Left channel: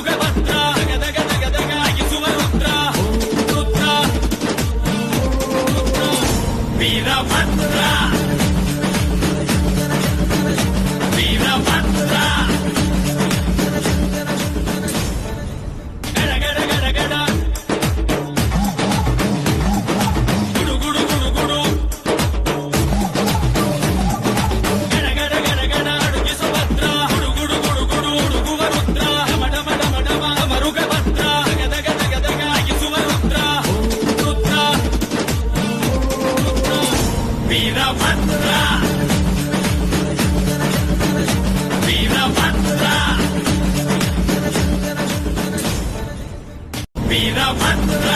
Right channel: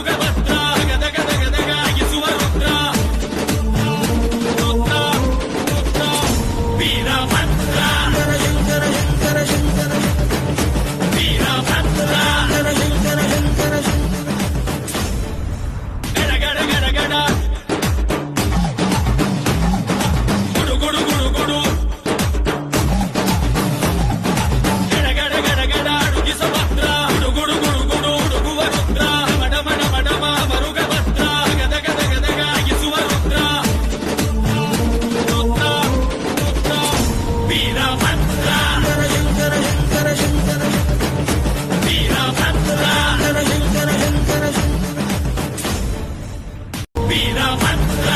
ಮರುಗಭದ್ರ ಗದಗ ಗದಗ ನಗಿಸುವ ರುದ್ರ ವೀರಭದ್ರ ವೀರಭದ್ರ ಗಡ ಗಡ ಗಡ ಗಡ ಗುಡು ಗುಡು ಗುಡು ಗುಡು ಗಡ ಗಡ ಗಡ ಗಡ ಅಡುಗಿಸ ಭದ್ರ ಗುಡು ಗುಡು ಗುಡು ಗುಡು ಹುಡುಗುವ ರುದ್ರ ಮಡ ಮಡ ಮಡಮ ಮರುಗಭದ್ರ ಗದಗ ಗದಗ ನಗಿಸುವ ರುದ್ರ ವೀರಭದ್ರ ವೀರಭದ್ರ ವೀರಭದ್ರ